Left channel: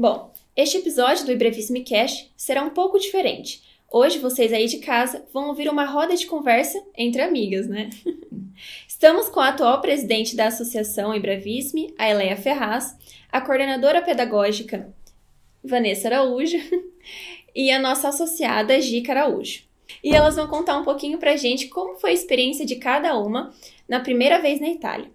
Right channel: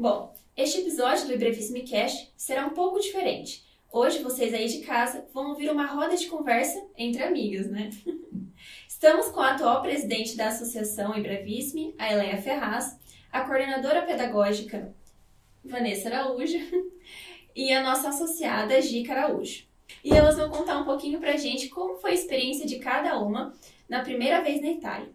Bom, este episódio do Brevíssimo Cast será um pouco diferente. Hoje, vocês aí de casa vão ouvir uma roda de conversa entre amigas, né? Estamos com a atual presidente da Associação Embravisme, a Eleia Ferraz, a coordenadora pedagógica, Vanessa Araújo, e a nossa associada, Gica Araújo. E elas vão contar um pouquinho pra gente como foi a experiência de cada uma na primeira vez na Itália.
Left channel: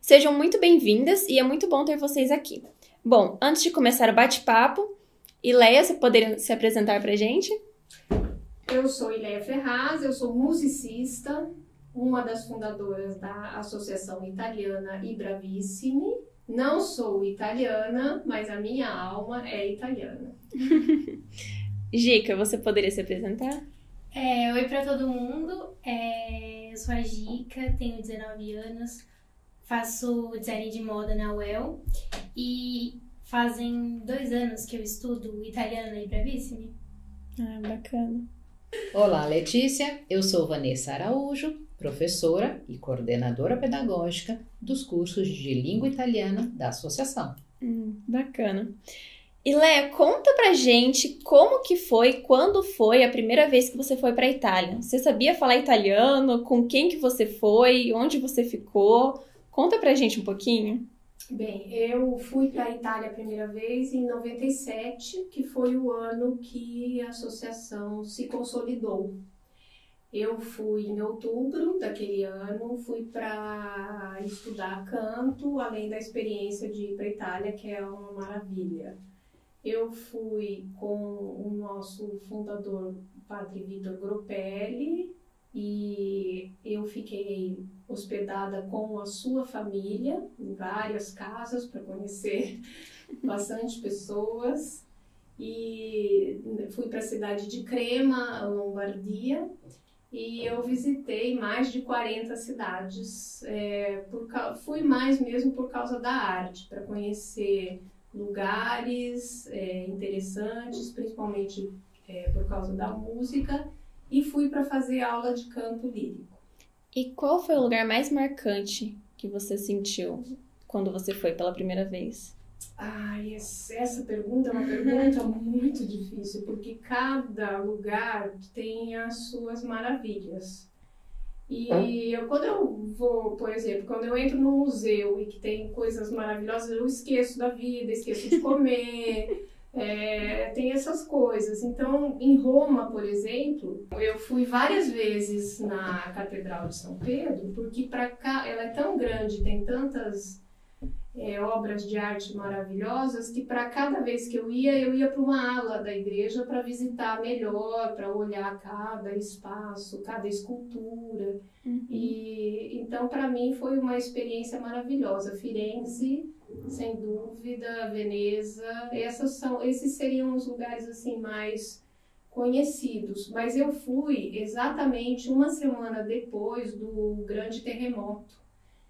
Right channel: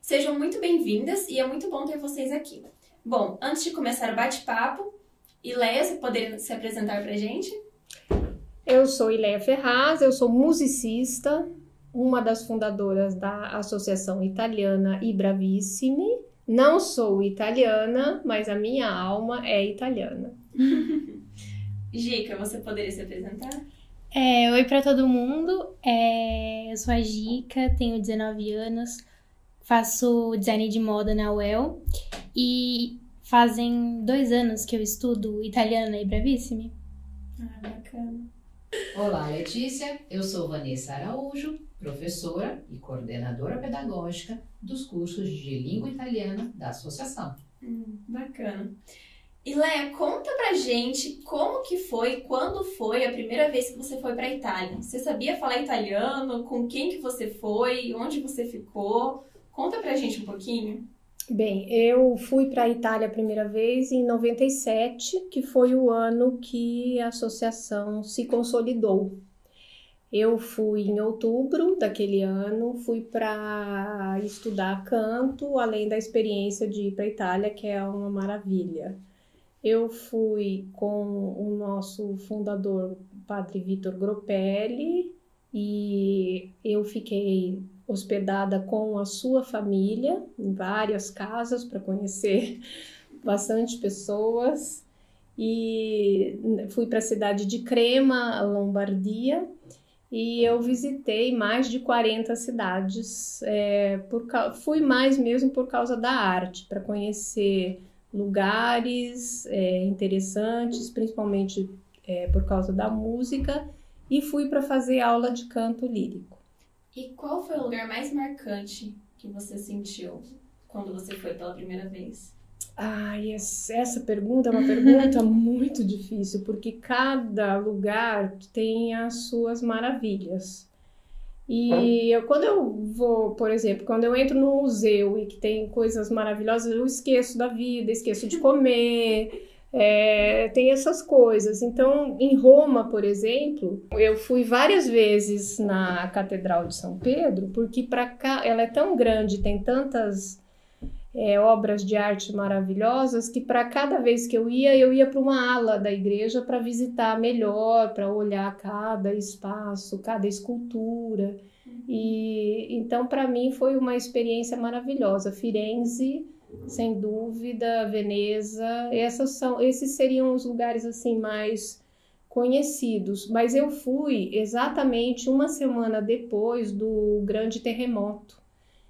Sejam muito bem-vindas e é muito bom ter vocês aqui. Bom, antes de começar o bate-papo, Ileia, você poderia se apresentar pra gente? Eu sou Eleia Ferraz, eu sou musicista, uma das fundadoras da Associação Italiana Ibravissimi. Não sou italiana, mas a minha alma é italiana. Gica, você poderia se apresentar? Oi para todo mundo, eu sou a Gica, tenho 19 anos, faço design de moda na UEL e fazem 2 anos que eu estudo italiano na Ibravissimi. Bacana. Olá, Letícia, eu sou Vanessa Araújo, professora e coordenadora pedagógica dos cursos de língua italiana da associação. Bacana. Ileia, conta pra gente como que foi, quando foi a primeira vez que você foi pra Itália. Você sabia falar italiano? Com quem que você foi? Onde você ficou? Conta pra gente um pouquinho. Bem, eu fui para a Itália a primeira vez em 97, que foi o ano que a associação se consolidou. Eu fui em outubro daquele ano, fui para estudar canto, além da experiência de ir para a Itália, que é uma maravilha. Eu fui com o nosso fundador, Padre Vitor Gropelli, e eu fiquei hospedada com a sua família em várias casas para conhecer bastante pessoas. E fui para a cidade de Crema, Lombardia, e eu visitei mais de 40 cidades. Fui mais mesmo por causa da arte, para conhecer lugares interessantes, principalmente por causa da música, e fui para fazer aula de canto lírico. E qual foi o lugar mais marcante que você sentiu quando você foi pela primeira vez? Essa pergunta é uma pergunta muito difícil, porque cada lugar tem as suas maravilhas. E quando eu vou, por exemplo, quando eu entro num museu e que tem coisas maravilhosas, eu esqueço da vida, esqueço de comer, tem essas coisas. Então, em Roma, por exemplo, eu fui várias vezes na Catedral de São Pedro, porque para cá ela é tão grande, tem tantas obras de arte maravilhosas, que para cada vez que eu ia para uma ala da igreja para visitar melhor, para olhar cada espaço, cada escultura. E então, para mim, foi uma experiência maravilhosa. Firenze, sem dúvida, Veneza, esses seriam os lugares assim mais conhecidos. Mas eu fui exatamente uma semana depois do grande terremoto.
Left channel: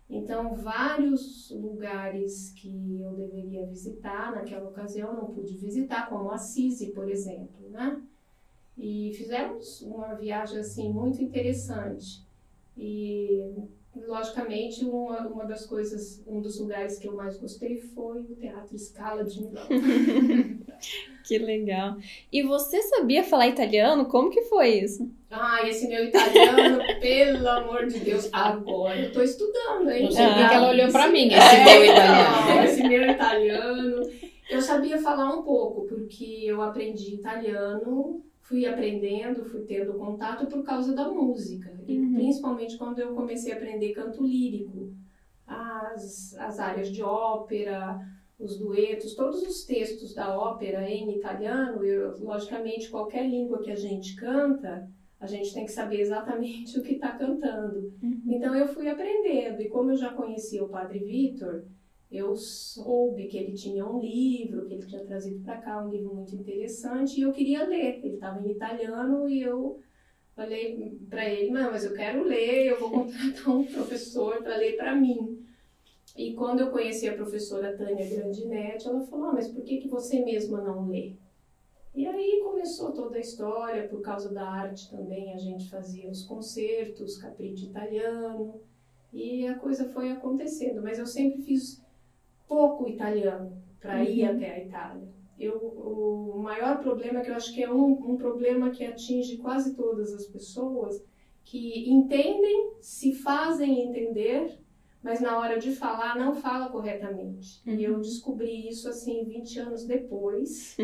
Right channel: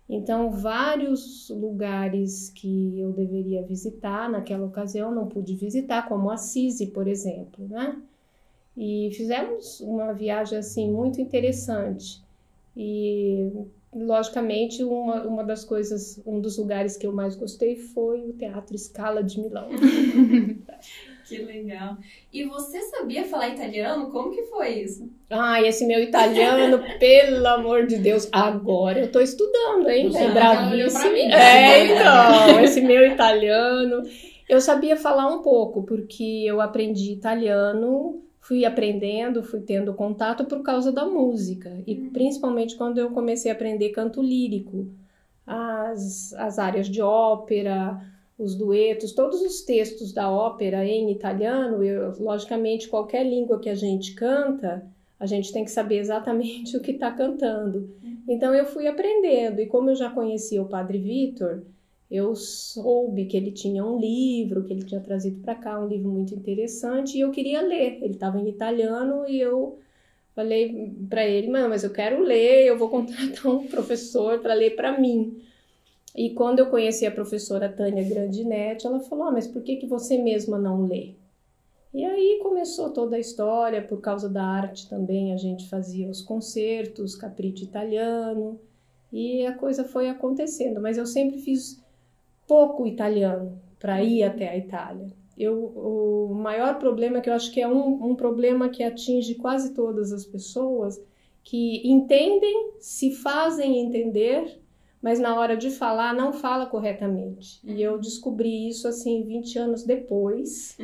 Então, vários lugares que eu deveria visitar naquela ocasião não pude visitar, como Assisi, por exemplo, né? E fizemos uma viagem assim muito interessante. E, logicamente, uma das coisas, um dos lugares que eu mais gostei foi o Teatro Scala de Milão. Que legal. E você sabia falar italiano? Como que foi isso? Esse meu italiano, pelo amor de Deus, agora eu tô estudando, hein? Ela olhou pra mim. Esse meu italiano. Eu sabia falar um pouco, porque eu aprendi italiano, fui aprendendo, fui tendo contato por causa da música. E principalmente quando eu comecei a aprender canto lírico, as áreas de ópera, os duetos, todos os textos da ópera em italiano. Logicamente, qualquer língua que a gente canta, a gente tem que saber exatamente o que está cantando. Então eu fui aprendendo, e como eu já conhecia o Padre Vitor, eu soube que ele tinha um livro, que ele tinha trazido para cá, um livro muito interessante, e eu queria ler. Ele estava em italiano e eu falei para ele, mas eu quero ler, eu vou contratar um professor para ler para mim. E quando eu conheci a professora Tânia Grandinetti, ela falou, mas por que você mesma não lê? E aí começou toda a história, por causa da arte também, a gente fazia os concertos, capriccio italiano, e a coisa foi acontecendo. Mas eu sempre fiz pouco italiano para ir até a Itália. o maior problema, que eu acho que é um problema que atinge quase todas as pessoas, que entendem, se fazem entender, mas na hora de falar não fala corretamente. E eu descobri isso assim 20 anos depois,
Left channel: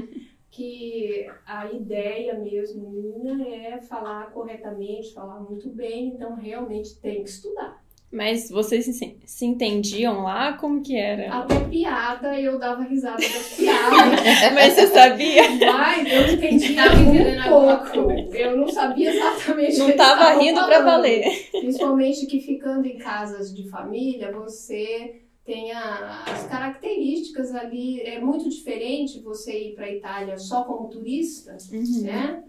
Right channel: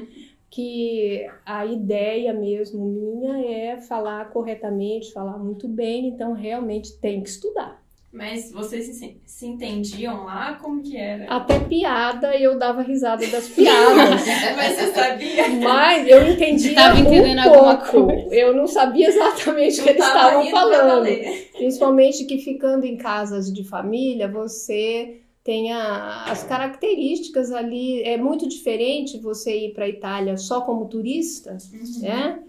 que a ideia mesmo minha é falar corretamente, falar muito bem, então realmente tem que estudar. Mas vocês se entendiam lá? Como que era? Até piada eu dava risada das piadas. Mas você sabia? Mas eu entendia Tava entendendo alguma pouco. coisa. Eu não sabia exatamente o que Não eles tava estavam rindo pra falando. valer. Principalmente que ficando em casas de família, você tem as características ali. É muito diferente você ir para a Itália só como turista, né?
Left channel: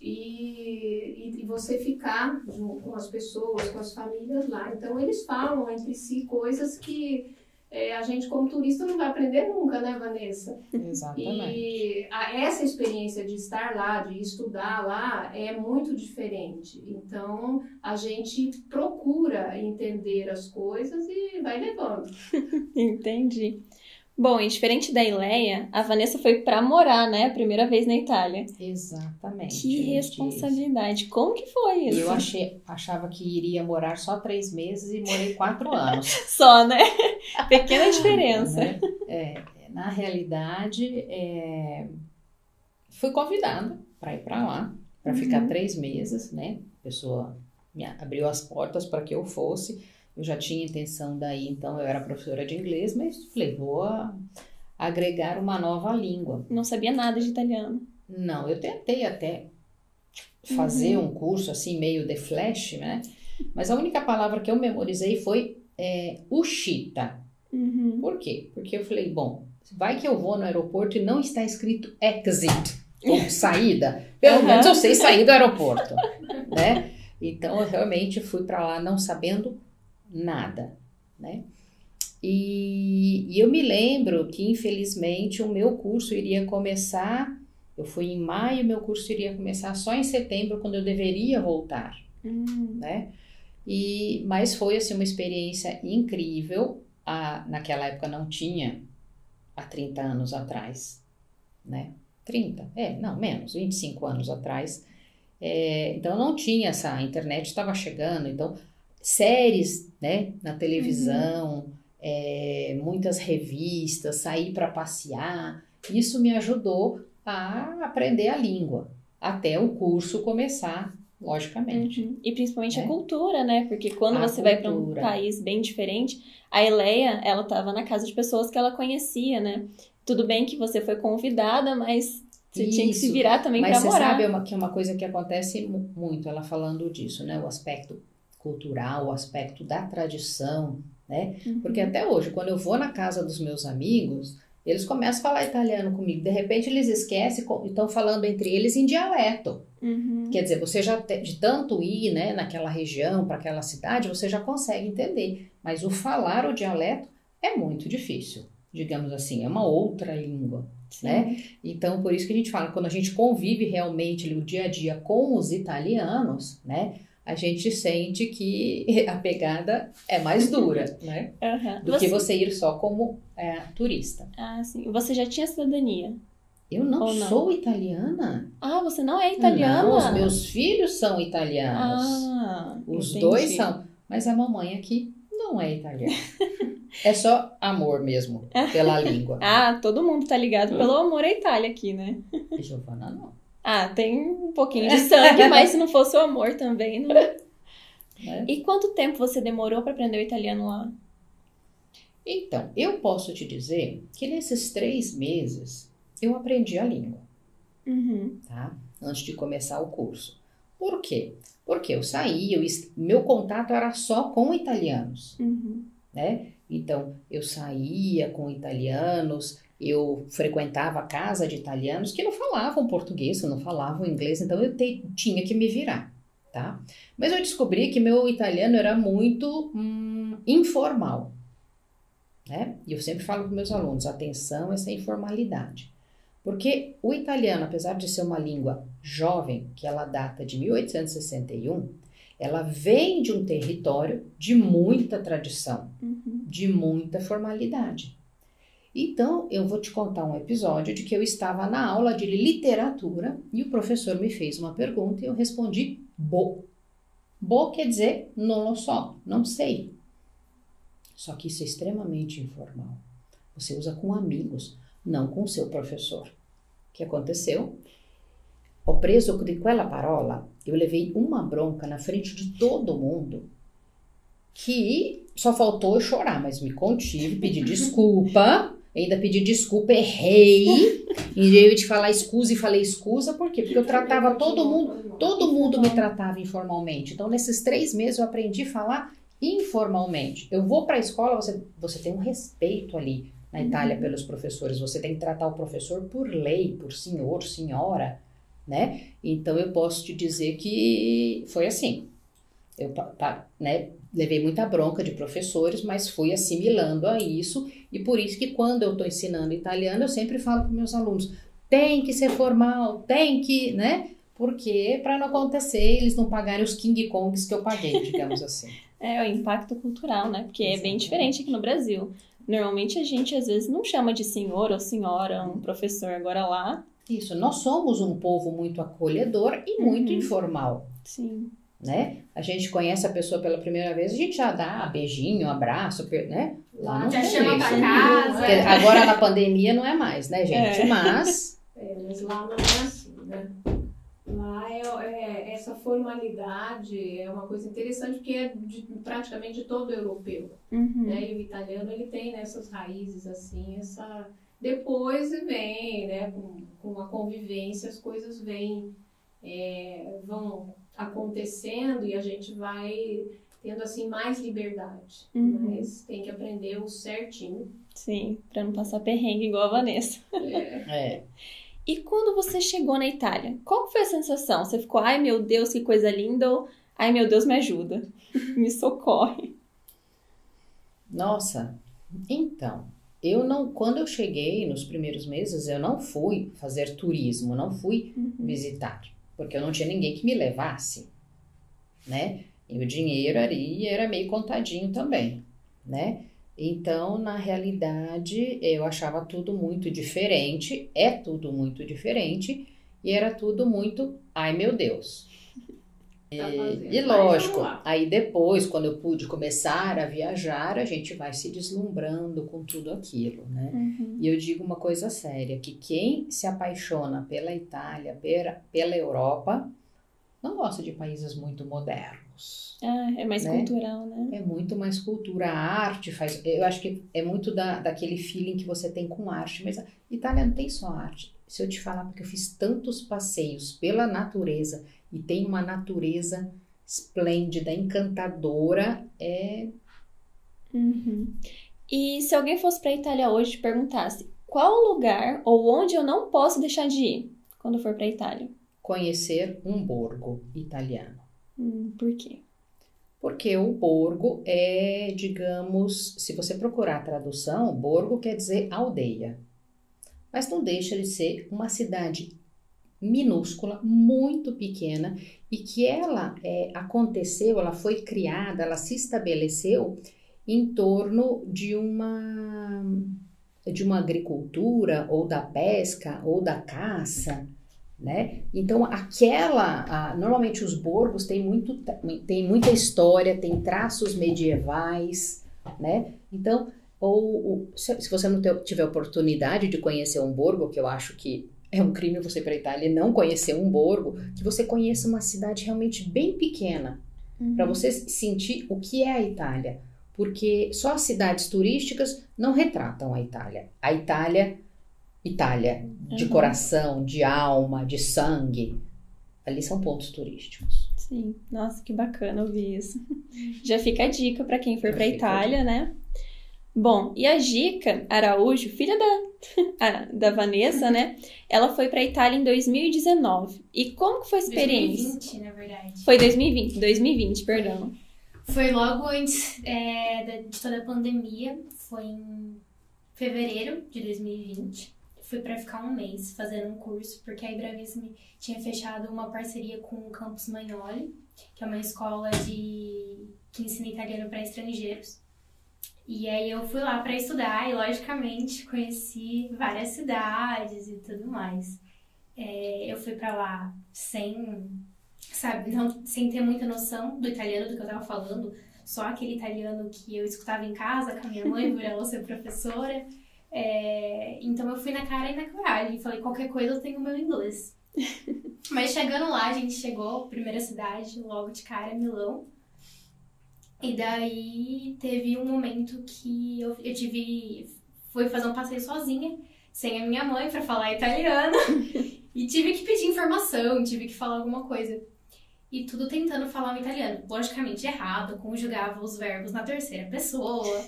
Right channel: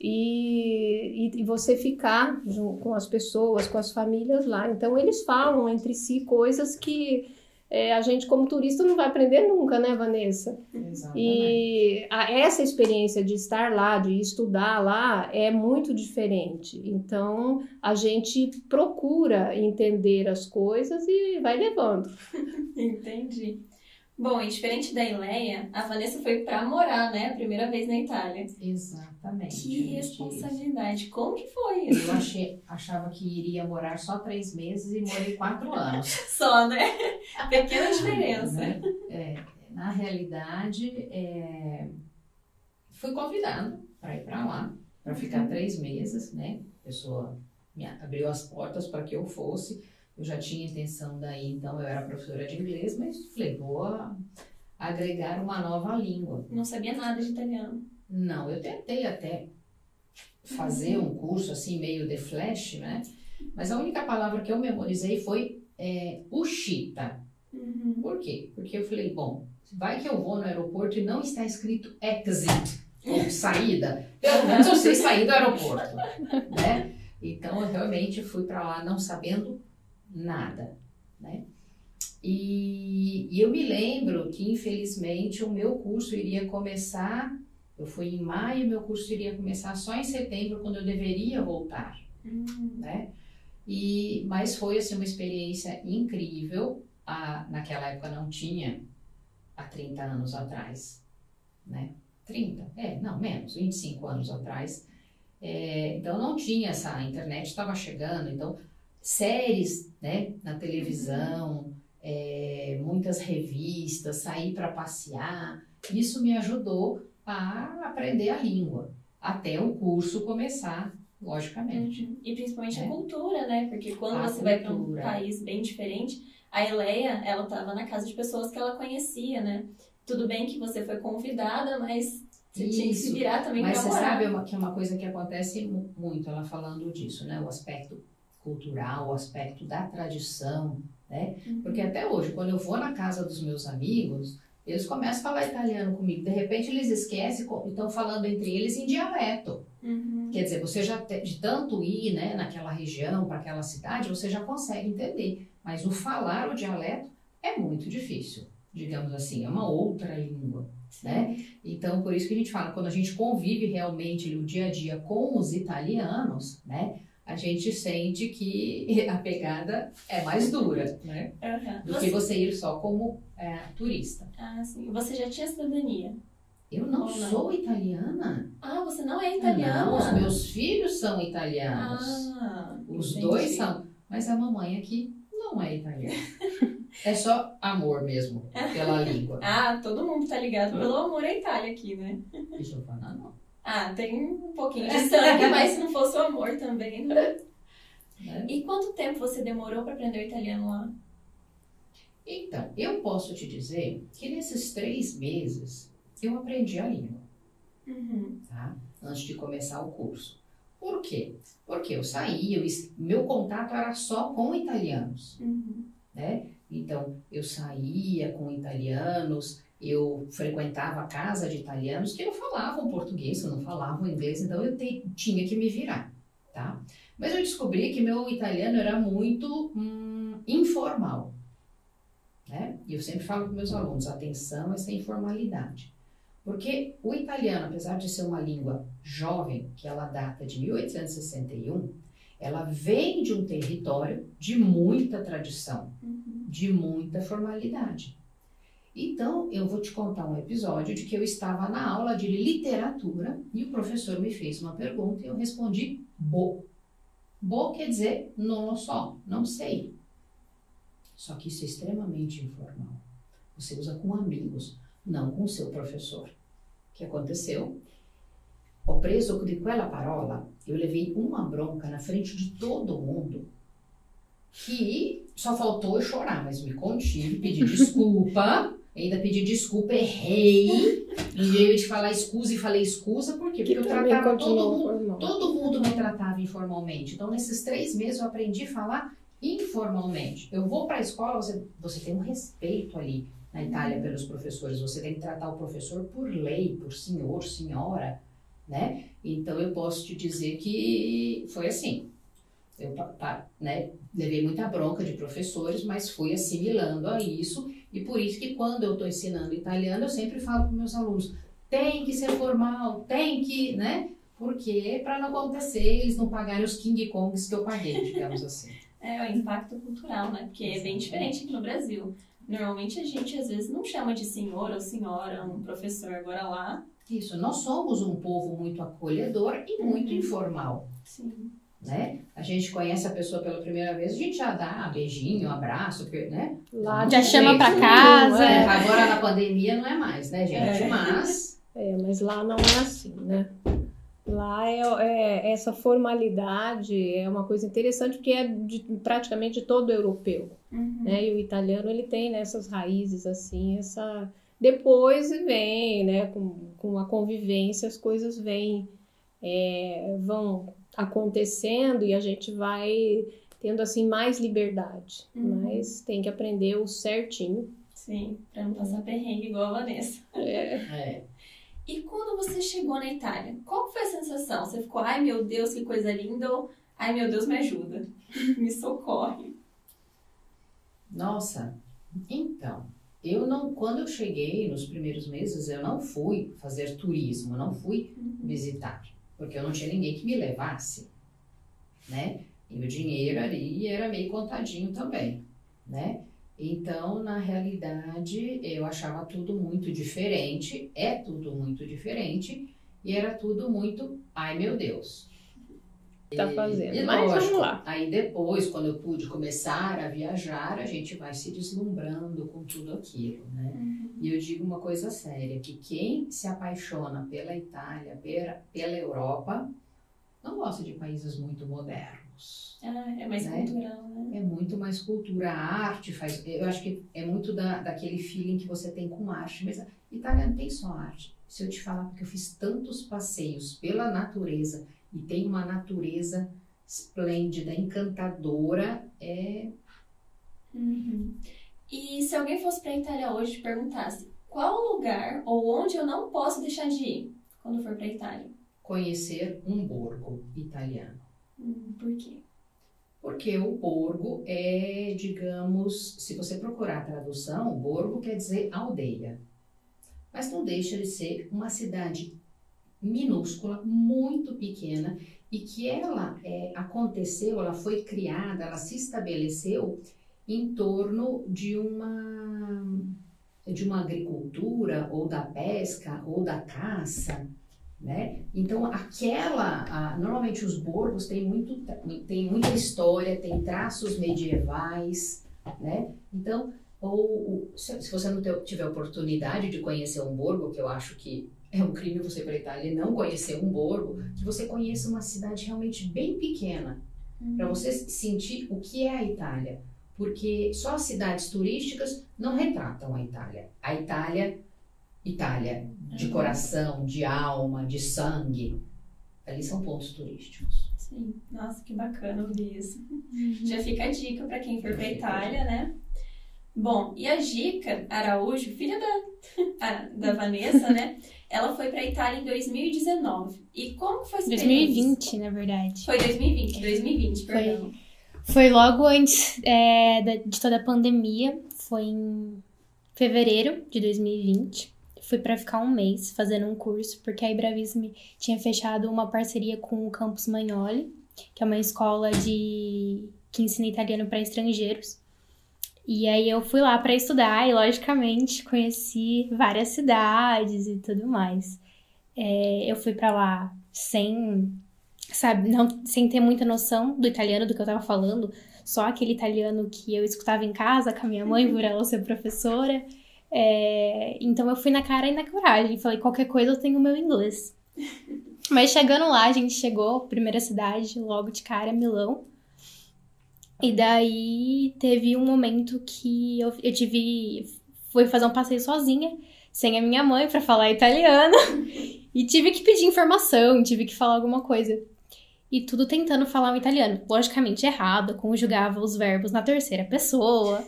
E você ficar com as pessoas, com as famílias lá. Então, eles falam entre si coisas que a gente, como turista, não vai aprender nunca, né, Vanessa? Exatamente. E essa experiência de estar lá, de estudar lá, é muito diferente. Então, a gente procura entender as coisas e vai levando. Entendi. Bom, e diferente da Ileia, a Vanessa foi pra morar, né? Primeira vez na Itália. Exatamente. Que responsabilidade. Como que foi isso? Eu achava que iria morar só 3 meses e morei 4 anos. Só, né? Pequena diferença. Na realidade, fui convidada para ir para lá, para ficar 3 meses, né? A pessoa me abriu as portas para que eu fosse. Eu já tinha intenção daí, então eu era professora de inglês, mas falei, vou agregar uma nova língua. Não sabia nada de italiano. Não, eu tentei até fazer um curso assim, meio de flash, né? Mas a única palavra que eu memorizei foi uscita. Por quê? Porque eu falei, bom, vai que eu vou no aeroporto e não está escrito exit, ou saída. Pelo menos eu sei sair do aeroporto, né? Então eu realmente fui para lá não sabendo nada, né? E eu me lembro que, infelizmente, o meu curso iria começar, eu fui em maio, meu curso iria começar só em setembro, quando eu deveria voltar, né? Mas foi, assim, uma experiência incrível. Naquela época não tinha, há 30 anos atrás, né? 30? Não, menos, 25 anos atrás. Então não tinha a internet estava chegando, então séries, né, na televisão, muitas revistas, sair para passear, isso me ajudou a aprender a língua, até o curso começar, logicamente. E principalmente a cultura, né, porque quando você vai para um país bem diferente, a Ileia, ela estava na casa de pessoas que ela conhecia, né, tudo bem que você foi convidada, mas você tinha que se virar também para morar. Mas você sabe que é uma coisa que acontece muito, ela falando disso, né, o aspecto cultural, o aspecto da tradição, né? Porque até hoje, quando eu vou na casa dos meus amigos, eles começam a falar italiano comigo. De repente, eles esquecem e estão falando entre eles em dialeto. Quer dizer, você já, de tanto ir, né, naquela região, para aquela cidade, você já consegue entender. Mas o falar o dialeto é muito difícil, digamos assim, é uma outra língua, né? Então, por isso que a gente fala, quando a gente convive realmente no dia a dia com os italianos, né, a gente sente que a pegada é mais dura, né? Do que você ir só como turista. Ah, sim. Você já tinha cidadania? Eu não sou italiana. Ah, você não é italiana? Não, os meus filhos são italianos. Os dois são. Mas a mamãe aqui não é italiana. É só amor mesmo, pela língua. Todo mundo tá ligado pelo amor à Itália aqui, né? Giovana não. Tem um pouquinho de sangue, mas se não fosse o amor também, né? E quanto tempo você demorou para aprender o italiano lá? Então, eu posso te dizer que nesses 3 meses eu aprendi a língua, tá? Antes de começar o curso. Por quê? Porque eu saí, meu contato era só com italianos, né? Então, eu saía com italianos, eu frequentava a casa de italianos que não falavam português, não falavam inglês, então eu tinha que me virar, tá? Mas eu descobri que meu italiano era muito informal, né? E eu sempre falo para meus alunos, atenção a essa informalidade. Porque o italiano, apesar de ser uma língua jovem, que ela data de 1861, ela vem de um território de muita tradição, de muita formalidade. Então, eu vou te contar um episódio de que eu estava na aula de literatura e o professor me fez uma pergunta e eu respondi bo. Bo quer dizer não lo so, não sei. Só que isso é extremamente informal. Você usa com amigos, não com seu professor. O que aconteceu? Ho preso di quella parola, eu levei uma bronca na frente de todo mundo que só faltou eu chorar, mas me contive, pedi desculpa, ainda pedi desculpa, errei, em vez de falar escusa e falei escusa, por quê? Porque eu tratava todo mundo me tratava informalmente. Então, nesses 3 meses eu aprendi a falar informalmente. Eu vou para a escola, você tem um respeito ali na Itália pelos professores, você tem que tratar o professor por lei, por senhor, senhora, né? Então, eu posso te dizer que foi assim. Eu levei muita bronca de professores, mas fui assimilando a isso, e por isso que quando eu estou ensinando italiano, eu sempre falo para meus alunos, tem que ser formal, tem que, né? Porque para não acontecer, eles não pagarem os King Kongs que eu paguei, digamos assim. É o impacto cultural, né? Porque é bem diferente aqui no Brasil. Normalmente a gente às vezes não chama de senhor ou senhora, um professor, agora lá. Isso, nós somos um povo muito acolhedor e muito informal. Sim. Né? A gente conhece a pessoa pela primeira vez, a gente já dá beijinho, abraço, né? Lá já chama pra casa. Agora na pandemia não é mais, né, gente? Mas lá não é assim, né? Lá essa formalidade é uma coisa interessante porque é praticamente de todo europeu, né? E o italiano ele tem essas raízes assim, depois vem, né? Com a convivência as coisas vão acontecendo e a gente vai tendo assim mais liberdade, mas tem que aprender o certinho. Sim, pra não passar perrengue igual a Vanessa. E quando você chegou na Itália, qual foi a sensação? Você ficou, ai meu Deus, que coisa linda, ou ai meu Deus, me ajuda, me socorre? Nossa, então, quando eu cheguei nos primeiros meses, eu não fui fazer turismo, não fui visitar, porque eu não tinha ninguém que me levasse, né? E o dinheiro ali era meio contadinho também, né? Então, na realidade, eu achava tudo muito diferente, é tudo muito diferente, e era tudo muito, ai meu Deus. Tá fazendo. E lógico, aí depois, quando eu pude começar a viajar, a gente vai se deslumbrando com tudo aquilo, né? E eu digo uma coisa séria, que quem se apaixona pela Itália, pela Europa, não gosta de países muito modernos. É mais cultural, né? É muito mais cultura, a arte eu acho que é muito daquele feeling que você tem com arte, mas a Itália não tem só arte. Se eu te falar, porque eu fiz tantos passeios pela natureza, e tem uma natureza esplêndida, encantadora, E se alguém fosse pra Itália hoje e te perguntasse, qual lugar ou onde eu não posso deixar de ir quando for pra Itália? Conhecer um borgo italiano. Por quê? Porque o borgo é, digamos, se você procurar a tradução, borgo quer dizer aldeia. Mas não deixa de ser uma cidade minúscula, muito pequena, e que ela ela foi criada, ela se estabeleceu em torno de uma agricultura, ou da pesca, ou da caça, né? Então, normalmente os borgos têm muita história, tem traços medievais, né? Então, se você não tiver oportunidade de conhecer um borgo, que eu acho que é um crime você ir para a Itália e não conhecer um borgo, que você conheça uma cidade realmente bem pequena, para você sentir o que é a Itália. Porque só as cidades turísticas não retratam a Itália. A Itália, de coração, de alma, de sangue, ali são pontos turísticos. Sim, nossa, que bacana ouvir isso. Já fica a dica para quem for para a Itália, né? Bom, e a Gica Araújo, filha da Vanessa, né? Ela foi para a Itália em 2019. E como que foi a experiência? 2020, na verdade. Foi 2020, perdão. Foi logo antes de toda a pandemia. Foi em fevereiro de 2020. Fui para ficar um mês fazendo um curso, porque a Ibravisme tinha fechado uma parceria com o Campus Magnoli, que é uma escola que ensina italiano para estrangeiros. E aí eu fui lá para estudar e, logicamente, conheci várias cidades e tudo mais. Eu fui para lá sem ter muita noção do italiano, do que eu tava falando. Só aquele italiano que eu escutava em casa com a minha mãe, por ela ser professora. Então eu fui na cara e na coragem. Falei, qualquer coisa eu tenho o meu inglês. Mas chegando lá, a gente chegou, primeira cidade, logo de cara, Milão. E daí teve um momento que eu fui fazer um passeio sozinha, sem a minha mãe, pra falar italiano. E tive que pedir informação, tive que falar alguma coisa. E tudo tentando falar o italiano. Logicamente errado, conjugava os verbos na terceira pessoa.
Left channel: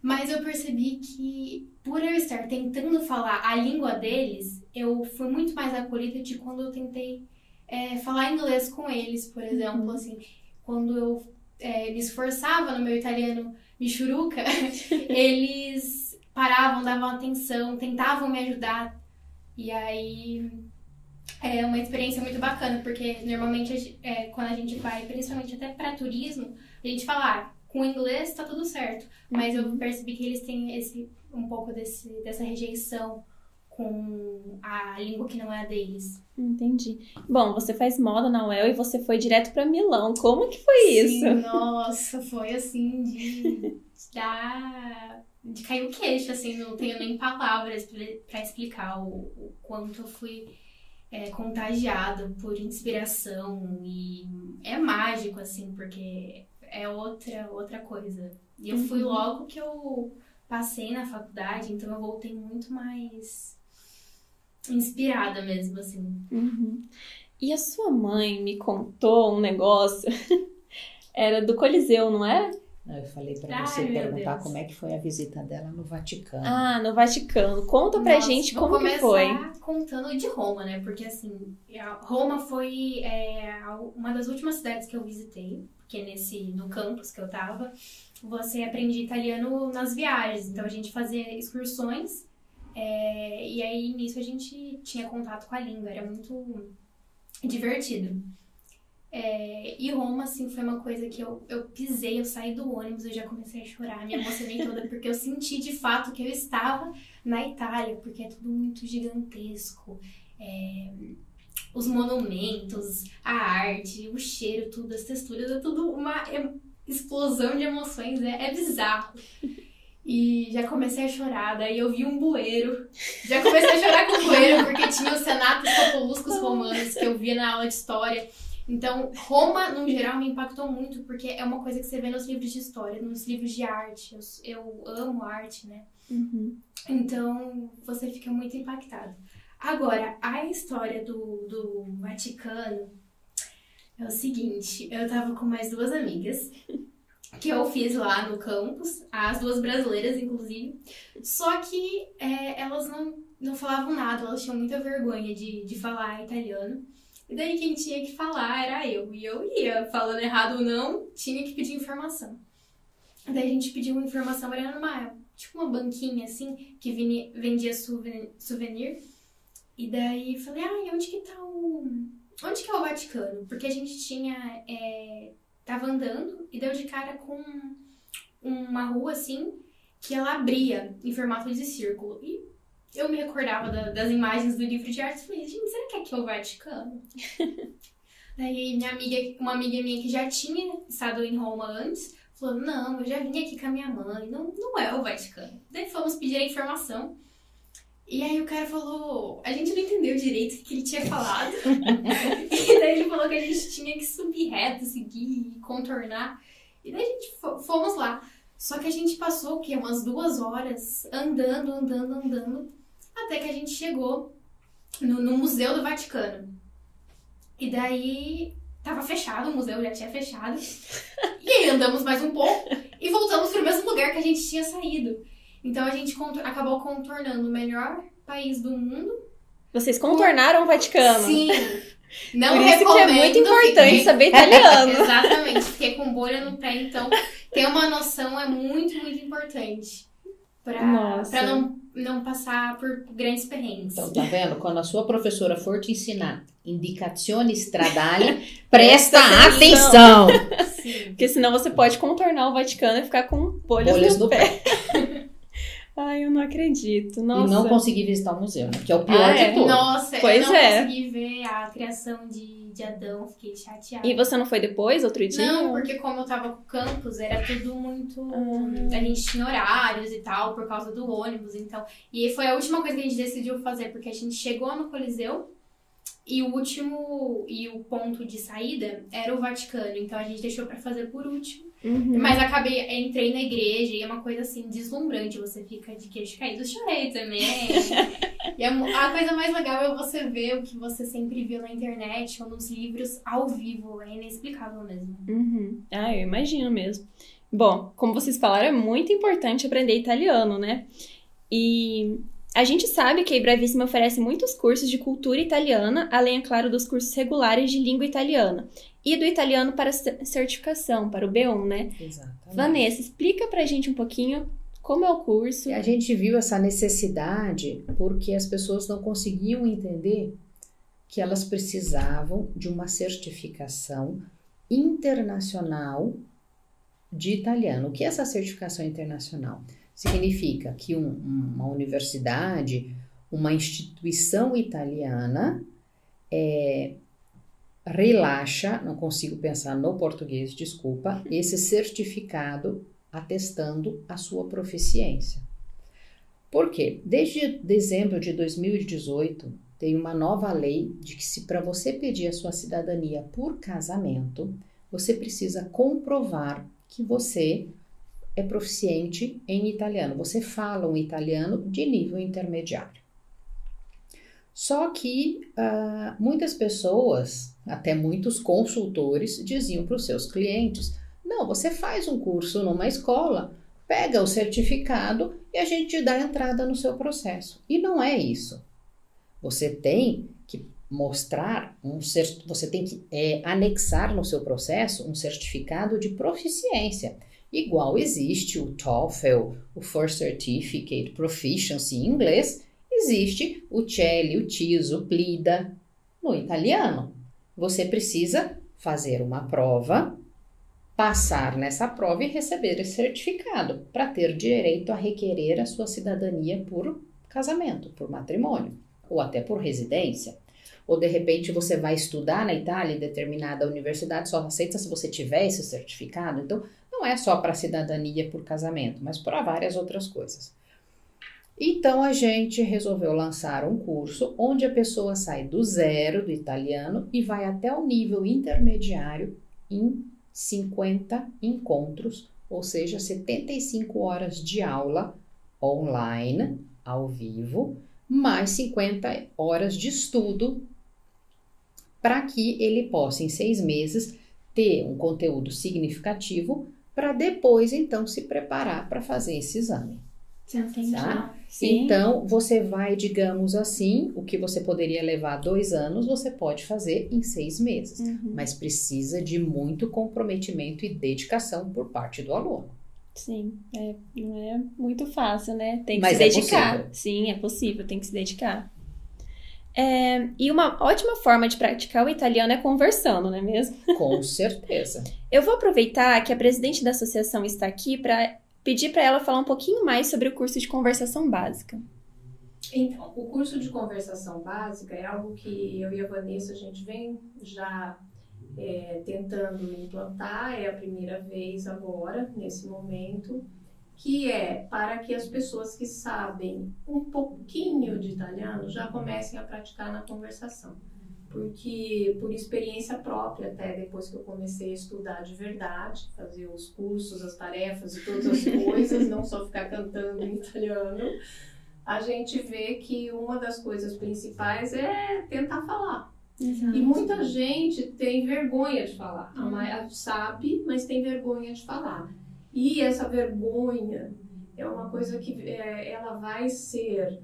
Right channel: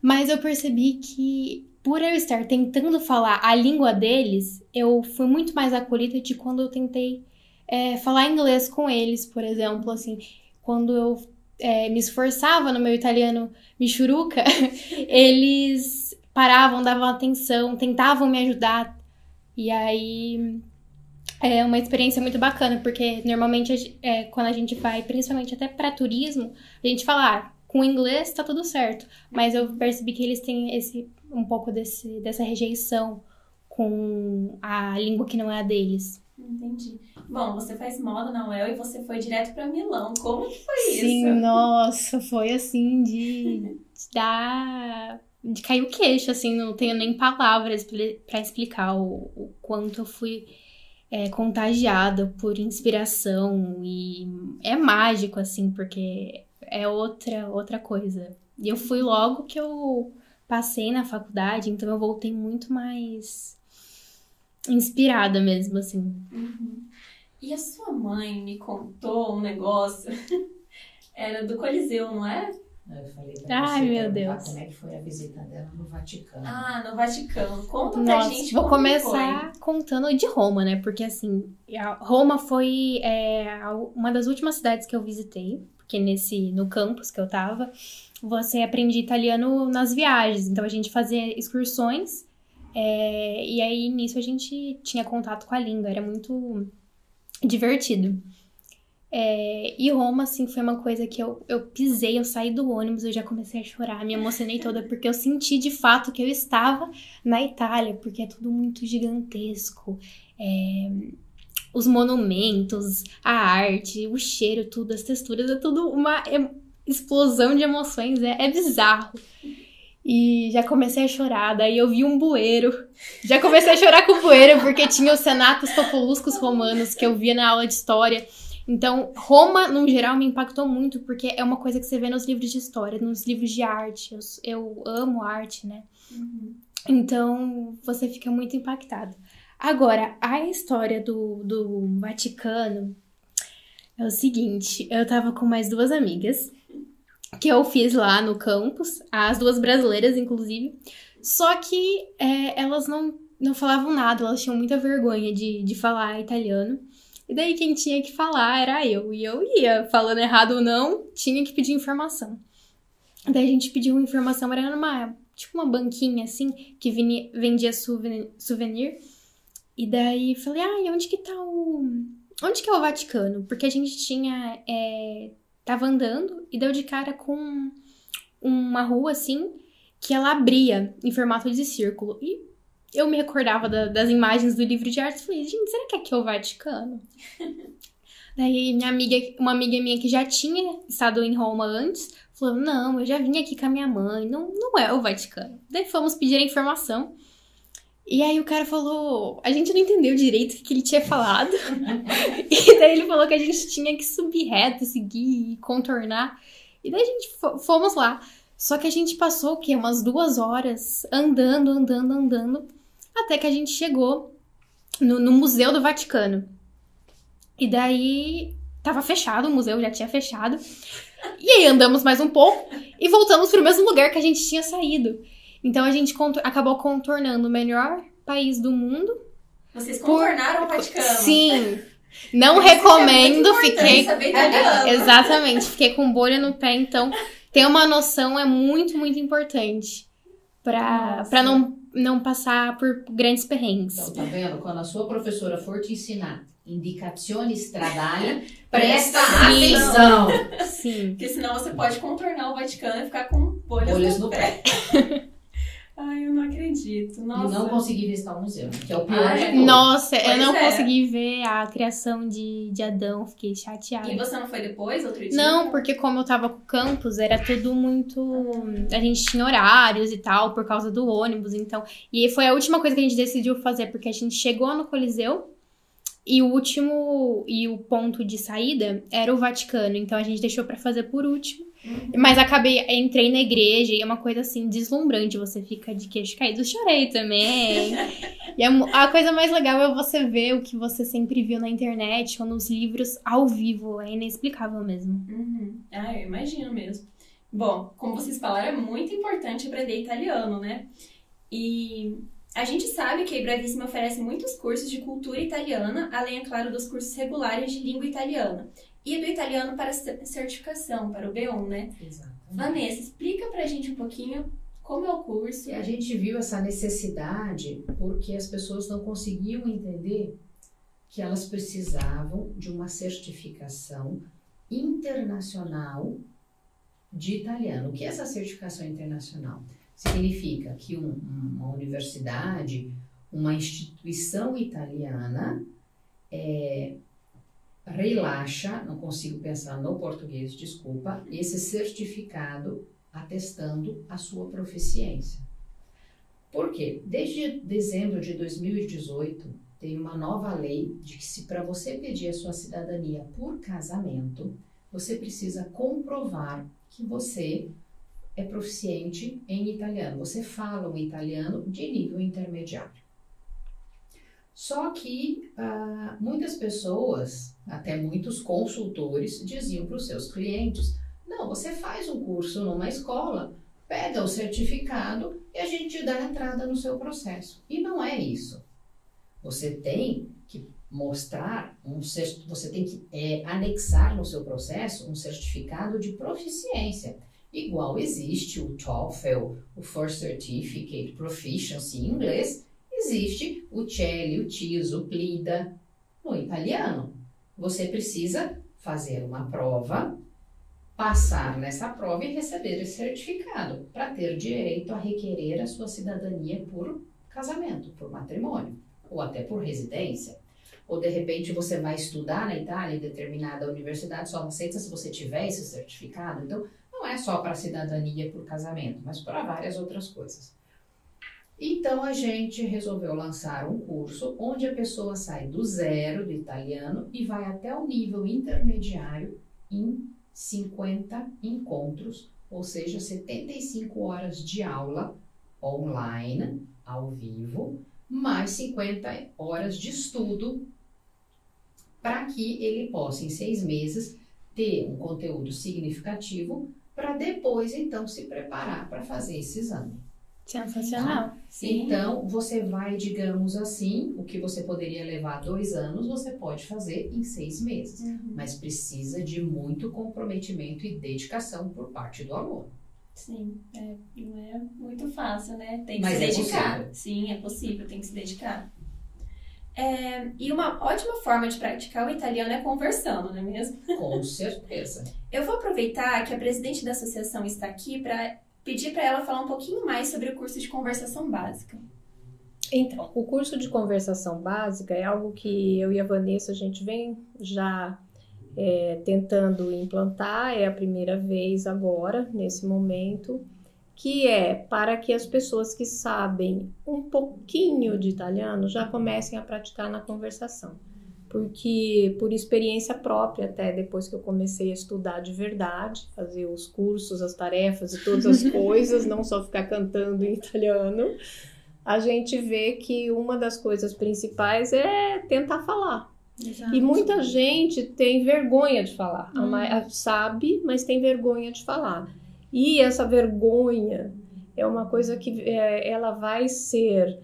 Mas eu percebi que, por eu estar tentando falar a língua deles, eu fui muito mais acolhida de quando eu tentei falar inglês com eles, por exemplo. Assim, quando eu me esforçava no meu italiano michuruca, eles paravam, davam atenção, tentavam me ajudar. E aí é uma experiência muito bacana, porque normalmente quando a gente vai, principalmente até para turismo, a gente fala, com inglês tá tudo certo. Mas eu percebi que eles têm um pouco dessa rejeição com a língua que não é a deles. Entendi. Bom, você faz moda na UEL e você foi direto pra Milão. Como que foi isso? Sim, nossa, foi assim de cair o queixo, assim, não tenho nem palavras pra explicar o quanto eu fui contagiada por inspiração, e é mágico, assim, porque é outra coisa. E eu fui logo que eu passei na faculdade, então eu voltei muito mais inspirada mesmo, assim. Uhum. E a sua mãe me contou um negócio, era do Coliseu, não era? Eu falei pra você perguntar como é que foi a visita dela no Vaticano. Ah, no Vaticano. Conta pra gente como vou começar foi. Contando de Roma, né? Porque, assim, Roma foi uma das últimas cidades que eu visitei. Porque no campus que eu tava, você aprende italiano nas viagens. Então, a gente fazia excursões. E aí, nisso, a gente tinha contato com a língua. Era muito divertido. E Roma, assim, foi uma coisa que eu pisei, eu saí do ônibus, eu já comecei a chorar, me emocionei toda, porque eu senti de fato que eu estava na Itália, porque é tudo muito gigantesco. Os monumentos, a arte, o cheiro, tudo, as texturas, é tudo uma explosão de emoções, é bizarro. E já comecei a chorar, daí eu vi um bueiro. Já comecei a chorar com o bueiro, porque tinha os senatos populuscos romanos que eu via na aula de história. Então, Roma, no geral, me impactou muito, porque é uma coisa que você vê nos livros de história, nos livros de arte. Eu amo arte, né? Uhum. Então, você fica muito impactado. Agora, a história do Vaticano é o seguinte, eu tava com mais duas amigas, que eu fiz lá no campus, as duas brasileiras, inclusive, só que elas não falavam nada, elas tinham muita vergonha de falar italiano. E daí quem tinha que falar era eu. E eu ia, falando errado ou não, tinha que pedir informação. Daí a gente pediu informação, era uma banquinha assim, que vendia souvenir. E daí falei, e onde que é o Vaticano? Porque a gente tava andando e deu de cara com uma rua assim, que ela abria em formato de círculo. E eu me recordava das imagens do livro de arte e falei, gente, será que aqui é o Vaticano? Daí uma amiga minha que já tinha estado em Roma antes, falou, não, eu já vim aqui com a minha mãe, não é o Vaticano. Daí fomos pedir a informação. E aí o cara falou, a gente não entendeu direito o que ele tinha falado. E daí ele falou que a gente tinha que subir reto, seguir e contornar. E daí a gente fomos lá. Só que a gente passou, umas 2 horas andando, até que a gente chegou no Museu do Vaticano. E daí tava fechado, o museu já tinha fechado. E aí andamos mais um pouco e voltamos pro mesmo lugar que a gente tinha saído. Então a gente acabou contornando o melhor país do mundo. Vocês contornaram o Vaticano? Sim. Não recomendo. É muito importante saber italiano. Exatamente. Fiquei com bolha no pé, então ter uma noção é muito, muito importante. Pra não passar por grandes perrengues. Então, tá vendo? Quando a sua professora for te ensinar indicazioni stradali, presta atenção! Sim. Porque senão você pode contornar o Vaticano e ficar com bolhas no pé. Ai, eu não acredito. Nossa. E não consegui visitar o museu, né? Que é o pior de tudo. Nossa, Pois eu não é. consegui ver a criação de Adão, fiquei chateada. E você não foi depois, outro dia? Não, porque como eu tava com o campus, era tudo muito... A gente tinha horários e tal, por causa do ônibus, então... E foi a última coisa que a gente decidiu fazer, porque a gente chegou no Coliseu e o ponto de saída era o Vaticano, então a gente deixou pra fazer por último. Mas entrei na igreja e é uma coisa assim, deslumbrante, você fica de queixo caído. Eu chorei também. E a coisa mais legal é você ver o que você sempre viu na internet ou nos livros ao vivo, é inexplicável mesmo. Ah, eu imagino mesmo. Bom, como vocês falaram, é muito importante aprender italiano, né? E a gente sabe que a Bravissima oferece muitos cursos de cultura italiana, além, é claro, dos cursos regulares de língua italiana. E do italiano para certificação, para o B1, né? Exatamente. Vanessa, explica pra gente um pouquinho como é o curso. E a gente viu essa necessidade porque as pessoas não conseguiam entender que elas precisavam de uma certificação internacional de italiano. O que é essa certificação internacional? Significa que uma universidade, uma instituição italiana relaxa, não consigo pensar no português, desculpa, esse certificado atestando a sua proficiência. Por quê? Desde dezembro de 2018, tem uma nova lei de que se para você pedir a sua cidadania por casamento, você precisa comprovar que você é proficiente em italiano. Você fala um italiano de nível intermediário. Só que muitas pessoas, até muitos consultores, diziam para os seus clientes, não, você faz um curso numa escola, pega o certificado e a gente te dá entrada no seu processo. E não é isso. Você tem que mostrar, você tem que anexar no seu processo um certificado de proficiência. Igual existe o TOEFL, o First Certificate Proficiency em inglês, existe o CELI, o TIS, o PLIDA no italiano. Você precisa fazer uma prova, passar nessa prova e receber esse certificado para ter direito a requerer a sua cidadania por casamento, por matrimônio, ou até por residência. Ou de repente você vai estudar na Itália em determinada universidade, só aceita se você tiver esse certificado. Então, não é só para cidadania por casamento, mas para várias outras coisas. Então, a gente resolveu lançar um curso onde a pessoa sai do zero do italiano e vai até o nível intermediário em 50 encontros, ou seja, 75 horas de aula online, ao vivo, mais 50 horas de estudo para que ele possa, em 6 meses, ter um conteúdo significativo para depois, então, se preparar para fazer esse exame. Sensacional. Sim. Então, você vai, digamos assim, o que você poderia levar 2 anos, você pode fazer em 6 meses. Mas precisa de muito comprometimento e dedicação por parte do aluno. Sim, não é muito fácil, né? Tem que Mas se é dedicar. possível. Sim, é possível, tem que se dedicar. E uma ótima forma de praticar o italiano é conversando, não é mesmo? Com certeza. Eu vou aproveitar que a presidente da associação está aqui para pedir para ela falar um pouquinho mais sobre o curso de conversação básica. Então, o curso de conversação básica é algo que eu e a Vanessa, a gente vem já tentando implantar, é a primeira vez agora, nesse momento, que é para que as pessoas que sabem um pouquinho de italiano já comecem a praticar na conversação. Porque, por experiência própria, até depois que eu comecei a estudar de verdade, fazer os cursos, as tarefas e todas as coisas, não só ficar cantando em italiano, a gente vê que uma das coisas principais é tentar falar. Exato. E muita gente tem vergonha de falar. Sabe, mas tem vergonha de falar. E essa vergonha é uma coisa que ela vai ser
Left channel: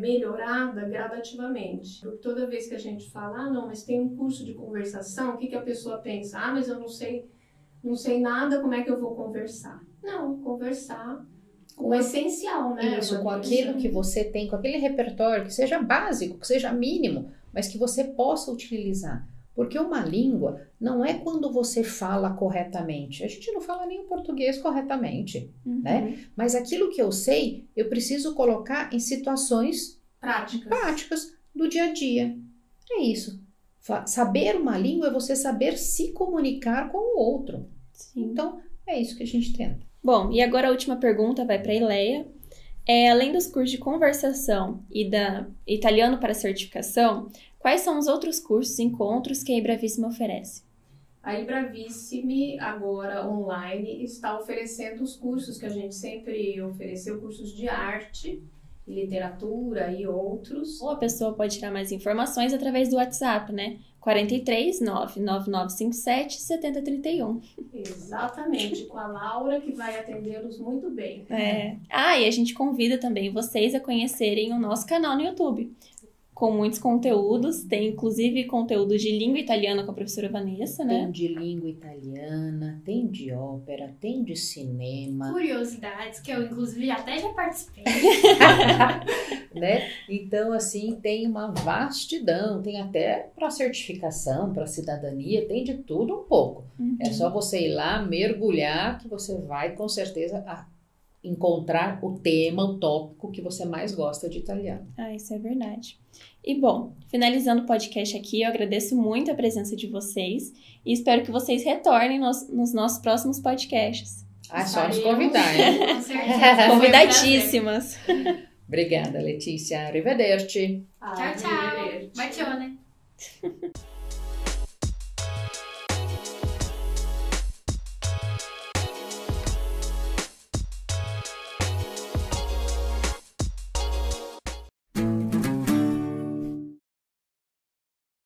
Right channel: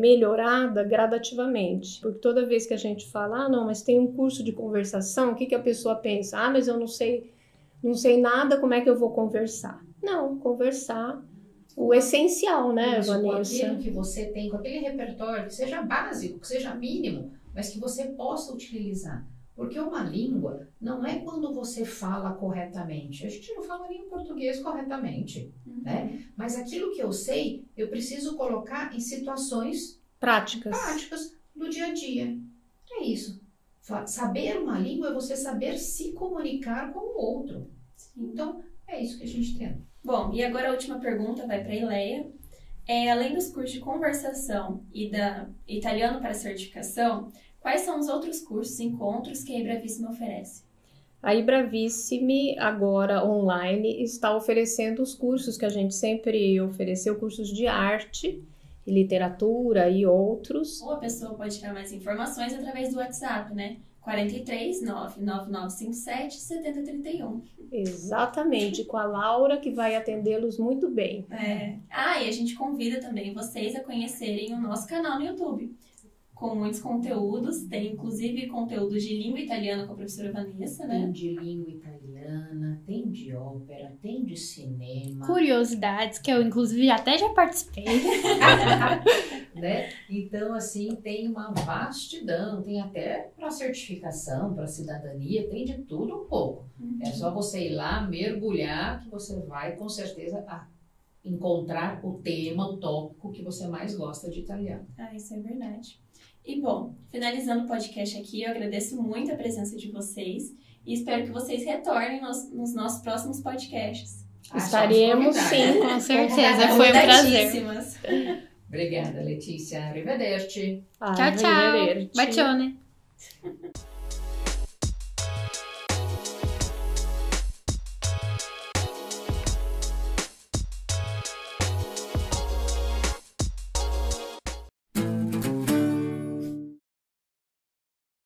melhorada gradativamente. Porque toda vez que a gente fala, não, mas tem um curso de conversação, o que a pessoa pensa? Mas eu não sei nada, como é que eu vou conversar? Não, conversar o essencial, né? Isso, com aquilo que você tem, com aquele repertório que seja básico, que seja mínimo, mas que você possa utilizar. Porque uma língua não é quando você fala corretamente. A gente não fala nem o português corretamente, né? Mas aquilo que eu sei, eu preciso colocar em situações práticas do dia a dia. É isso. Saber uma língua é você saber se comunicar com o outro. Sim. Então, é isso que a gente tenta. Bom, e agora a última pergunta vai para a Ileia. Além dos cursos de conversação e da italiano para certificação, quais são os outros cursos e encontros que a Ibravissime oferece? A Ibravissime, agora online, está oferecendo os cursos que a gente sempre ofereceu, cursos de arte, literatura e outros. Ou a pessoa pode tirar mais informações através do WhatsApp, né? 43 99957 7031. Exatamente, com a Laura, que vai atendê-los muito bem. E a gente convida também vocês a conhecerem o nosso canal no YouTube, com muitos conteúdos, tem inclusive conteúdo de língua italiana com a professora Vanessa, né? Tem de língua italiana, tem de ópera, tem de cinema. Curiosidades, que eu inclusive até já participei. Né? Então, assim, tem uma vastidão, tem até para certificação, para cidadania, tem de tudo um pouco. É só você ir lá, mergulhar, que você vai com certeza encontrar o tema, o tópico que você mais gosta de italiano. Isso é verdade. E bom, finalizando o podcast aqui, eu agradeço muito a presença de vocês e espero que vocês retornem nos nossos próximos podcasts. Estaremos, sim, com certeza. Convidadíssimas. Obrigada, Letícia. Arrivederci. Tchau, tchau. Bacione.